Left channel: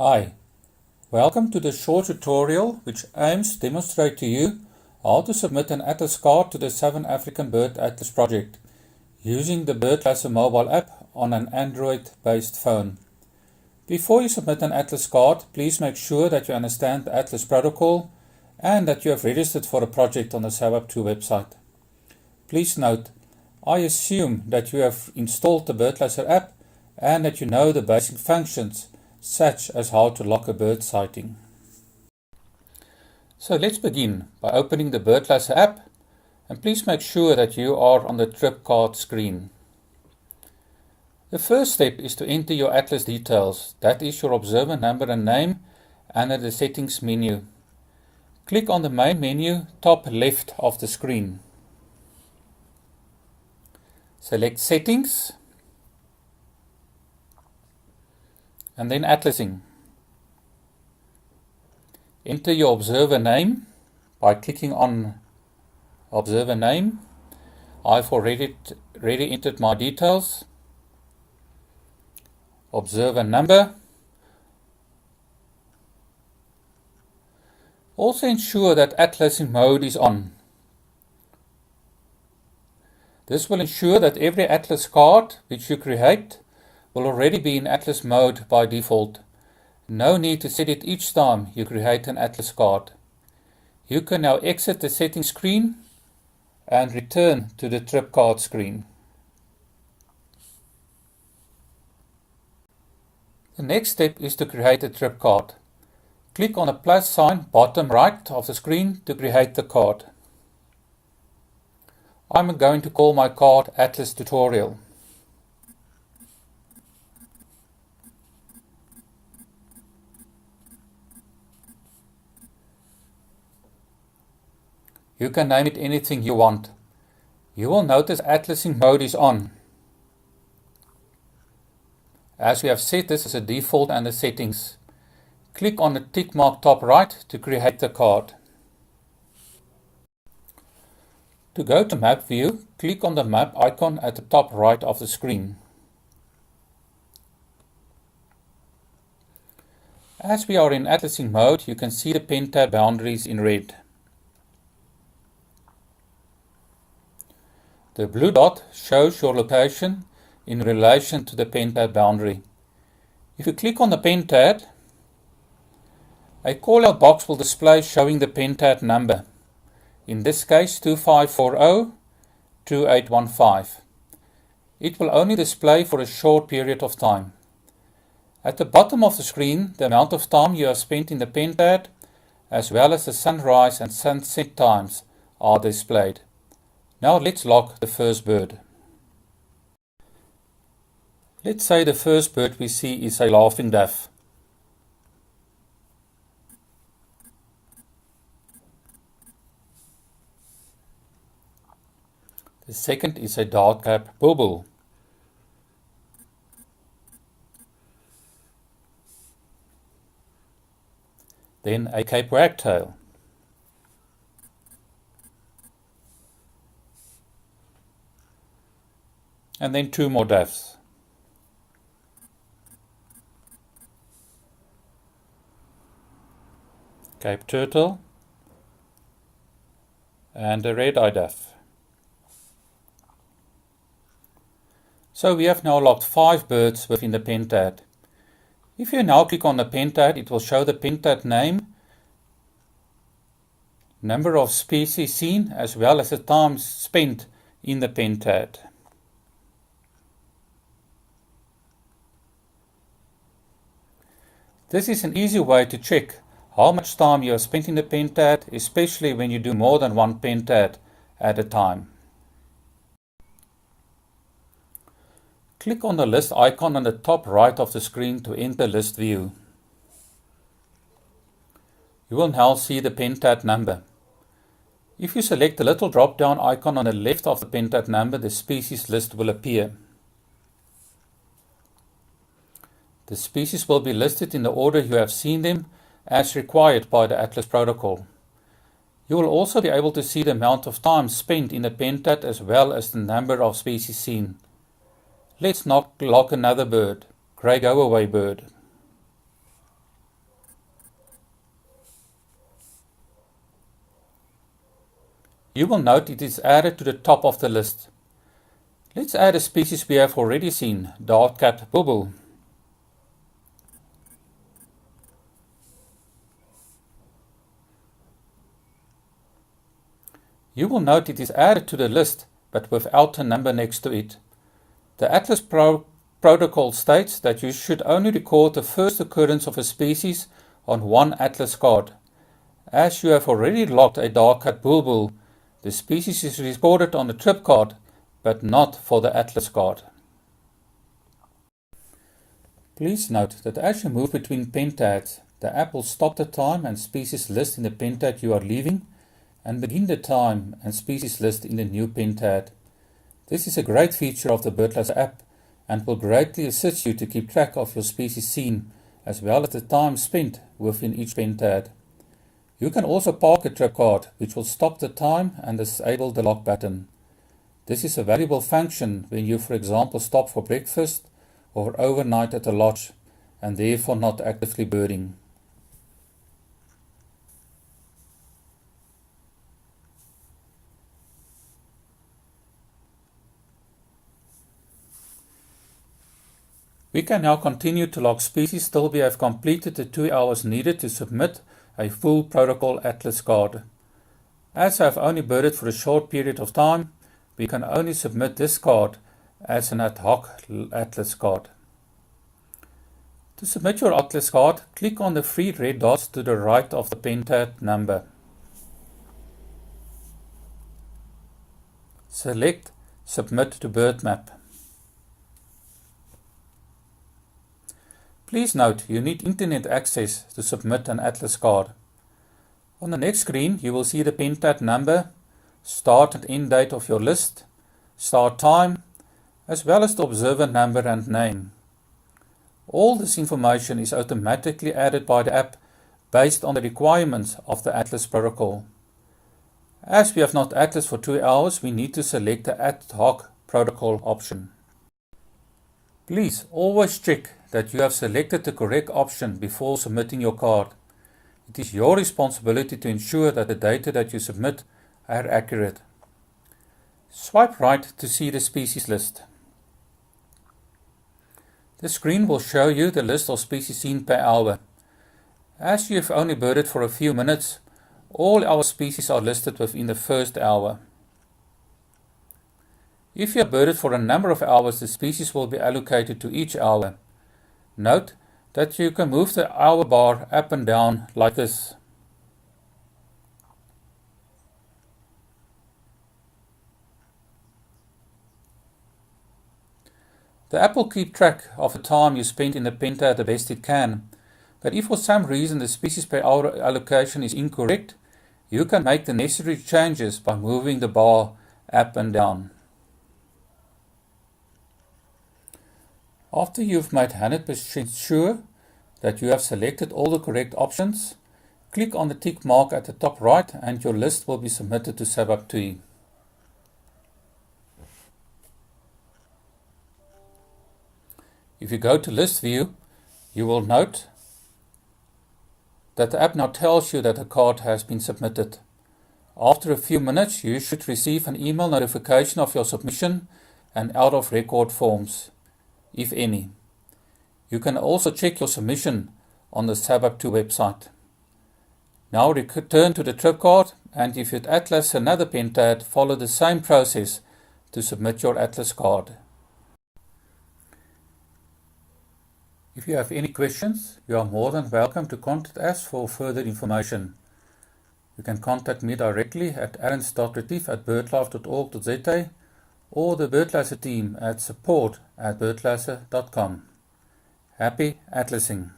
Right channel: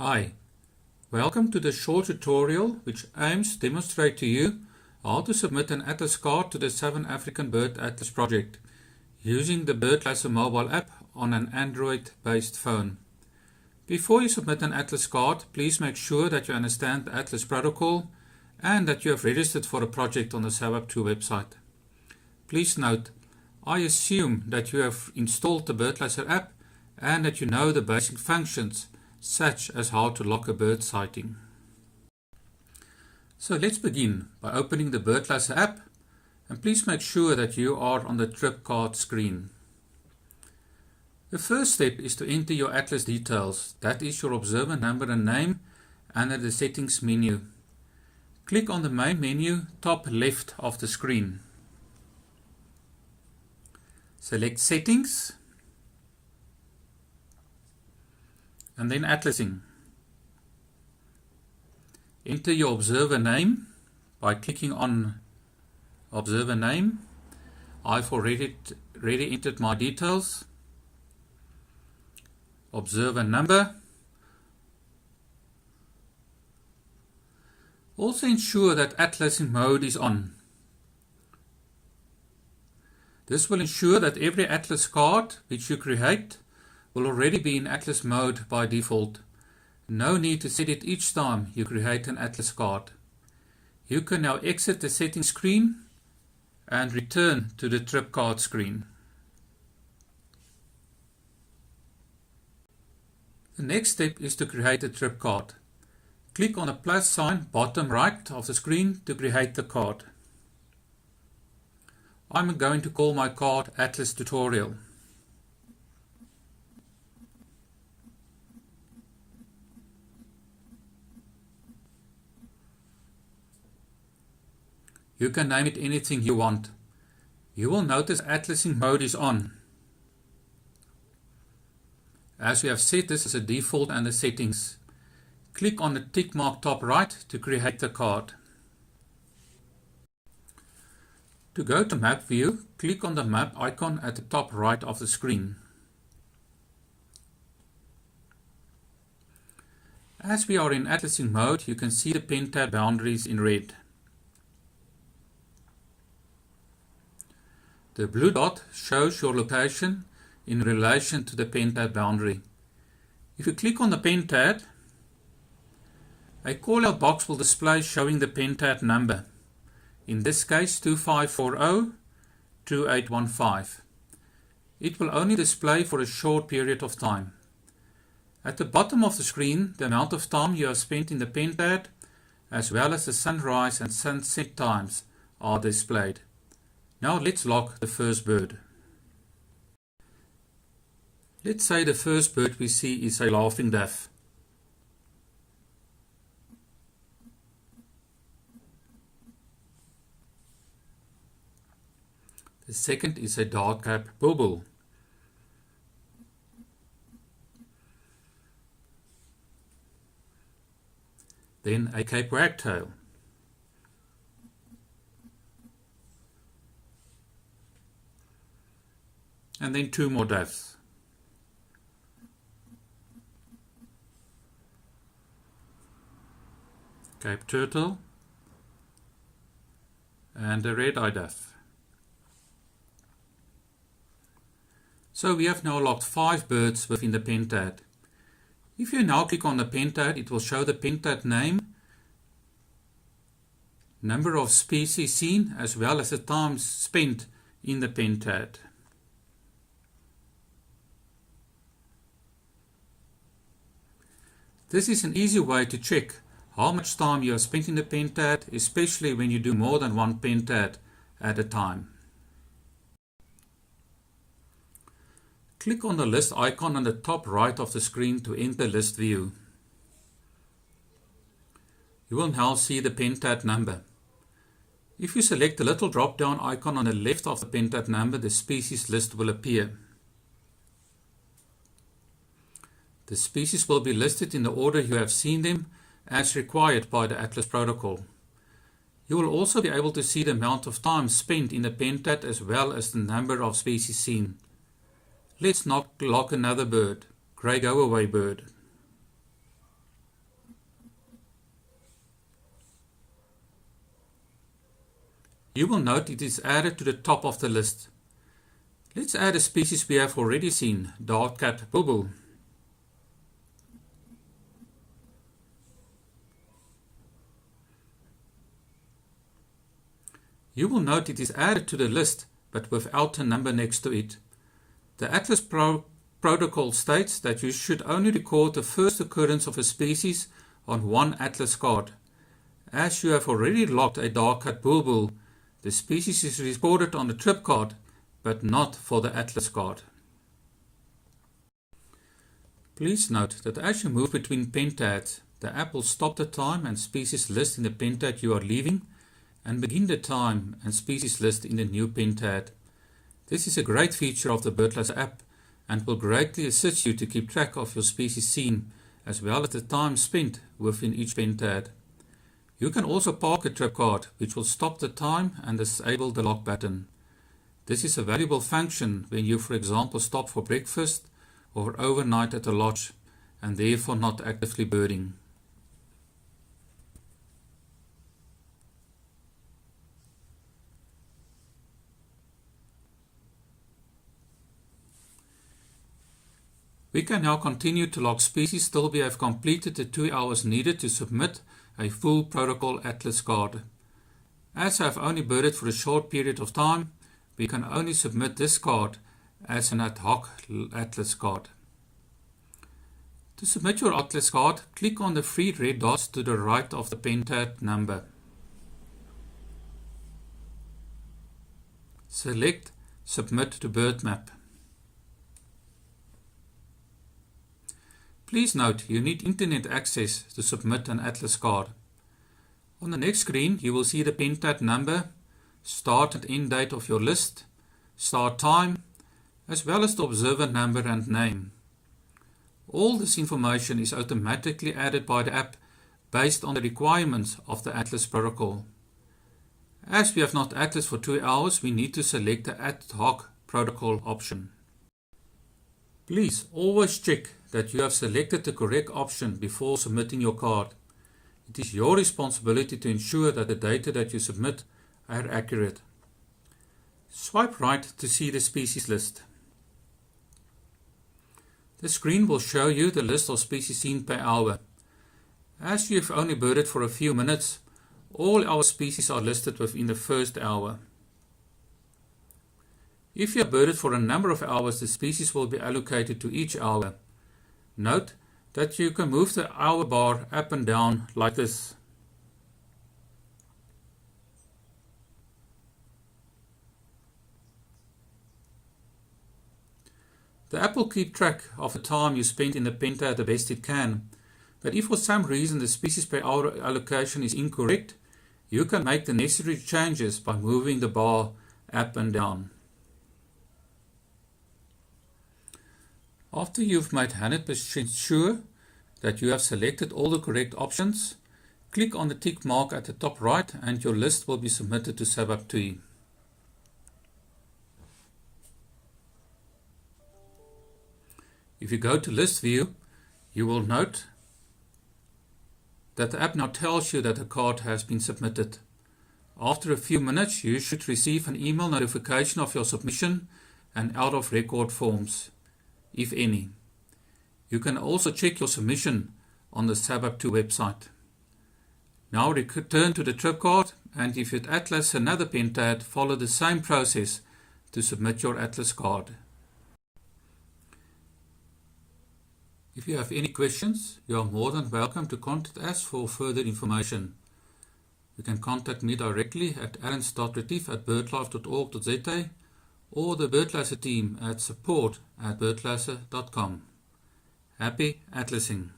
Hi, welcome to the short tutorial which aims to demonstrate to you how to submit an atlas card to the Southern African Bird Atlas project using the BirdLasser mobile app on an Android-based phone. Before you submit an atlas card, please make sure that you understand the atlas protocol and that you have registered for a project on the SABAP2 website. Please note, I assume that you have installed the BirdLasser app and that you know the basic functions such as how to log a bird sighting. So let's begin by opening the BirdLasser app, and please make sure that you are on the trip card screen. The first step is to enter your atlas details, that is your observer number and name, under the settings menu. Click on the main menu top left of the screen. Select settings and then atlasing. Enter your observer name by clicking on observer name. I've already entered my details. Observer number. Also ensure that atlasing mode is on. This will ensure that every atlas card which you create will already be in atlas mode by default. No need to set it each time you create an atlas card. You can now exit the settings screen and return to the trip card screen. The next step is to create a trip card. Click on the plus sign bottom right of the screen to create the card. I'm going to call my card Atlas Tutorial. You can name it anything you want. You will notice atlasing mode is on, as we have set this as a default under settings. Click on the tick mark top right to create the card. To go to map view, click on the map icon at the top right of the screen. As we are in atlasing mode, you can see the pen tab boundaries in red. The blue dot shows your location in relation to the pen tab boundary. If you click on the pen tab, a call-out box will display showing the pen tab number. In this case 2540-2815. It will only display for a short period of time. At the bottom of the screen, the amount of time you have spent in the pen tab, as well as the sunrise and sunset times, are displayed. Now let's log the first bird. Let's say the first bird we see is a laughing dove. The second is a dark-capped bulbul. Then a Cape wagtail. And then two more doves. Cape turtle and a red-eyed dove. So we have now logged 5 birds within the pen tab. If you now click on the pen tab, it will show the pen tab name, number of species seen, as well as the time spent in the pen tab. This is an easy way to check how much time you have spent in the pen tab, especially when you do more than one pen tab at a time. Click on the list icon on the top right of the screen to enter list view. You will now see the pen tab number. If you select the little drop-down icon on the left of the pen tab number, the species list will appear. The species will be listed in the order you have seen them, as required by the Atlas protocol. You will also be able to see the amount of time spent in the pen tab as well as the number of species seen. Let's log another bird, grey go-away bird. You will note it is added to the top of the list. Let's add a species we have already seen, dark-capped bulbul. You will note it is added to the list, but without a number next to it. The Atlas protocol states that you should only record the first occurrence of a species on one Atlas card. As you have already logged a dark-capped bulbul, the species is recorded on the trip card, but not for the Atlas card. Please note that as you move between pentads, the app will stop the time and species list in the pentad you are leaving, and begin the time and species list in the new pentad. This is a great feature of the BirdLasser app and will greatly assist you to keep track of your species seen, as well as the time spent within each pentad. You can also park a trip card, which will stop the time and disable the lock button. This is a valuable function when you, for example, stop for breakfast or overnight at a lodge and therefore not actively birding. We can now continue to log species till we have completed the 2 hours needed to submit a full protocol Atlas card. As I have only birded for a short period of time, we can only submit this card as an ad hoc Atlas card. To submit your Atlas card, click on the 3 red dots to the right of the pentad number. Select Submit to BirdMap. Please note you need internet access to submit an Atlas card. On the next screen you will see the pentad number, start and end date of your list, start time, as well as the observer number and name. All this information is automatically added by the app based on the requirements of the Atlas protocol. As we have not Atlas for 2 hours, we need to select the ad hoc protocol option. Please always check that you have selected the correct option before submitting your card. It is your responsibility to ensure that the data that you submit are accurate. Swipe right to see the species list. The screen will show you the list of species seen per hour. As you have only birded for a few minutes, all our species are listed within the first hour. If you have birded for a number of hours, the species will be allocated to each hour. Note that you can move the hour bar up and down like this. The app will keep track of the time you spent in the pentad the best it can, but if for some reason the species per hour allocation is incorrect, you can make the necessary changes by moving the bar up and down. After you've made 100% sure that you have selected all the correct options, click on the tick mark at the top right and your list will be submitted to SABAP2. If you go to List View, you will note that the app now tells you that the card has been submitted. After a few minutes, you should receive an email notification of your submission and out of record forms, if any. You can also check your submission on the SABAP2 website. Now return to the trip card, and if you'd Atlas another pentad, follow the same process to submit your Atlas card. If you have any questions, you are more than welcome to contact us for further information. You can contact me directly at aaron.retief@birdlife.org.za or the BirdLasser team at support@birdlasser.com. Happy Atlasing!